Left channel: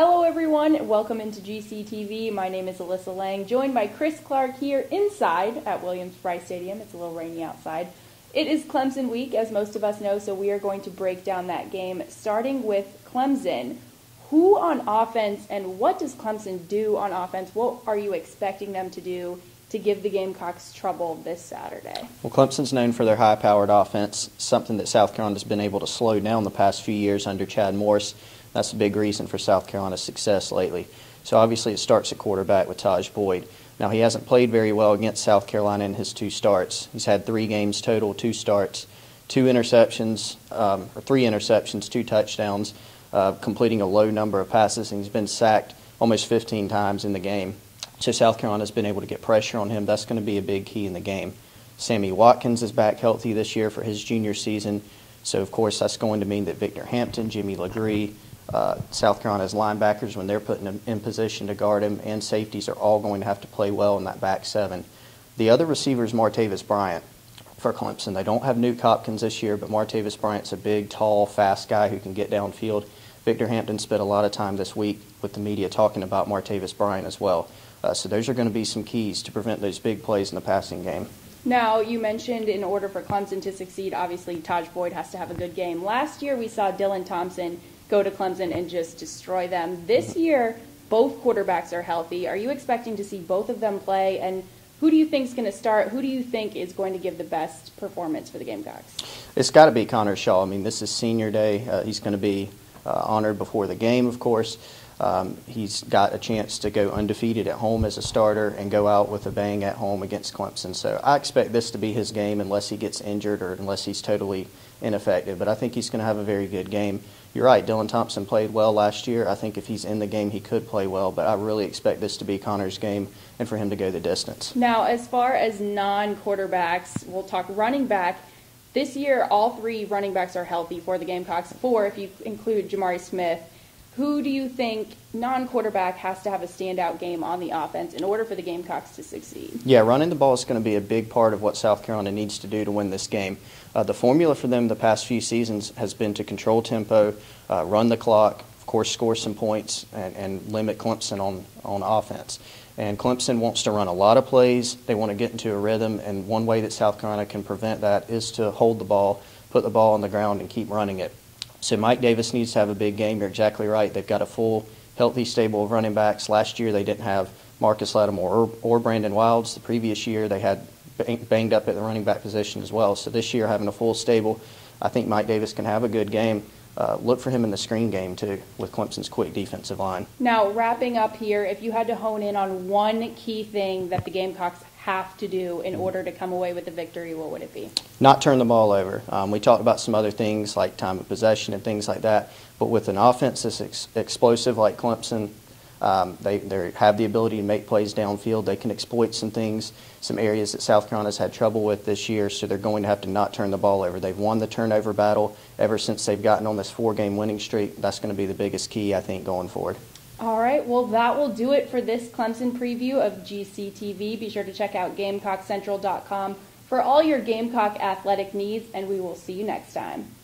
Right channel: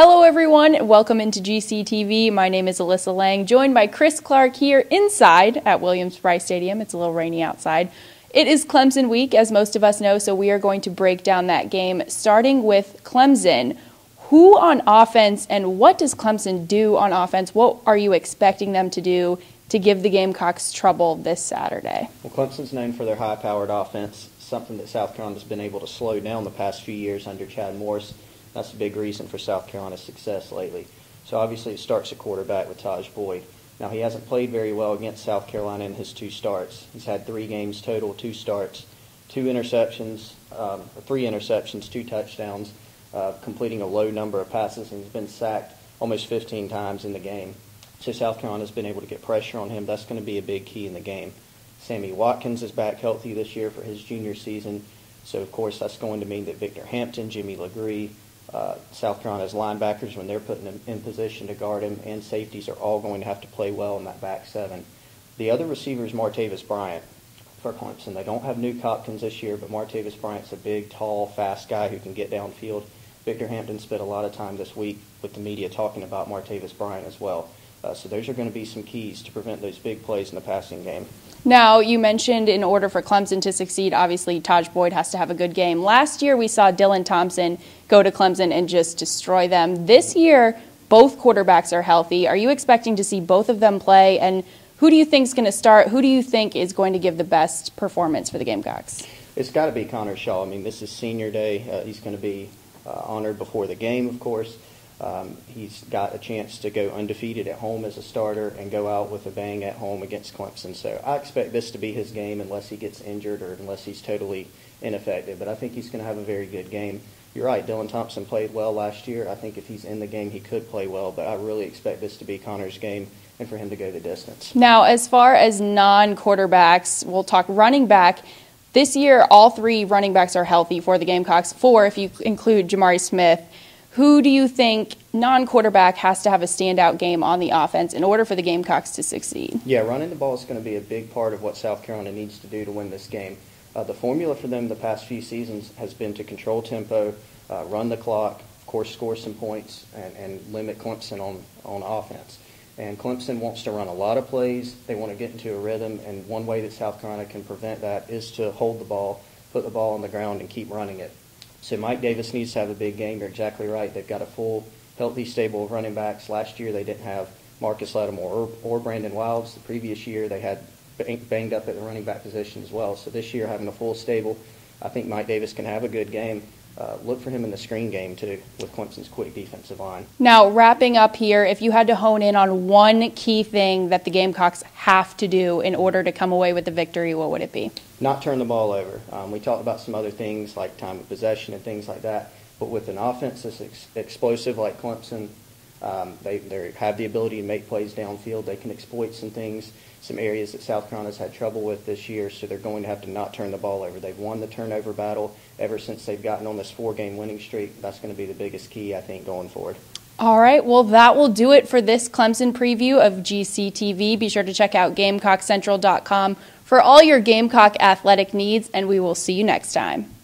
Hello everyone, welcome into GCTV. My name is Alyssa Lang, joined by Chris Clark here inside at Williams-Brice Stadium. It's a little rainy outside. It is Clemson week, as most of us know, so we are going to break down that game, starting with Clemson. Who on offense and what does Clemson do on offense? What are you expecting them to do to give the Gamecocks trouble this Saturday? Well, Clemson's known for their high-powered offense, something that South Carolina's been able to slow down the past few years under Chad Morris. That's a big reason for South Carolina's success lately. So obviously it starts at quarterback with Taj Boyd. Now he hasn't played very well against South Carolina in his two starts. He's had 3 games total, 2 starts, 2 interceptions, or 3 interceptions, 2 touchdowns, completing a low number of passes, and he's been sacked almost 15 times in the game. So South Carolina's been able to get pressure on him. That's going to be a big key in the game. Sammy Watkins is back healthy this year for his junior season. So, of course, that's going to mean that Victor Hampton, Jimmy LeGree, South Carolina's linebackers, when they're put in position to guard him, and safeties are all going to have to play well in that back 7. The other receiver is Martavis Bryant for Clemson. They don't have Nuke Hopkins this year, but Martavis Bryant's a big, tall, fast guy who can get downfield. Victor Hampton spent a lot of time this week with the media talking about Martavis Bryant as well. So those are going to be some keys to prevent those big plays in the passing game. Now, you mentioned in order for Clemson to succeed, obviously Taj Boyd has to have a good game. Last year we saw Dylan Thompson go to Clemson and just destroy them. This year, both quarterbacks are healthy. Are you expecting to see both of them play? And who do you think is going to start? Who do you think is going to give the best performance for the Gamecocks? It's got to be Connor Shaw. I mean, this is senior day. He's going to be honored before the game, of course. He's got a chance to go undefeated at home as a starter and go out with a bang at home against Clemson. So I expect this to be his game unless he gets injured or unless he's totally ineffective. But I think he's going to have a very good game. You're right, Dylan Thompson played well last year. I think if he's in the game, he could play well. But I really expect this to be Connor's game and for him to go the distance. Now, as far as non-quarterbacks, we'll talk running back. This year, all 3 running backs are healthy for the Gamecocks, 4 if you include Jamari Smith. Who do you think non-quarterback has to have a standout game on the offense in order for the Gamecocks to succeed? Yeah, running the ball is going to be a big part of what South Carolina needs to do to win this game. The formula for them the past few seasons has been to control tempo, run the clock, of course score some points, and limit Clemson on offense. And Clemson wants to run a lot of plays. They want to get into a rhythm, and one way that South Carolina can prevent that is to hold the ball, put the ball on the ground, and keep running it. So Mike Davis needs to have a big game. You're exactly right. They've got a full, healthy stable of running backs. Last year they didn't have Marcus Lattimore or Brandon Wilds. The previous year they had banged up at the running back position as well. So this year having a full stable, I think Mike Davis can have a good game. Look for him in the screen game, too, with Clemson's quick defensive line. Now, wrapping up here, if you had to hone in on one key thing that the Gamecocks have to do in order to come away with the victory, what would it be? Not turn the ball over. We talked about some other things like time of possession and things like that, but with an offense that's explosive like Clemson, they have the ability to make plays downfield. They can exploit some things, some areas that South Carolina's had trouble with this year, so they're going to have to not turn the ball over. They've won the turnover battle ever since they've gotten on this 4-game winning streak. That's going to be the biggest key, I think, going forward. All right, well, that will do it for this Clemson preview of GCTV. Be sure to check out GamecockCentral.com for all your Gamecock athletic needs, and we will see you next time.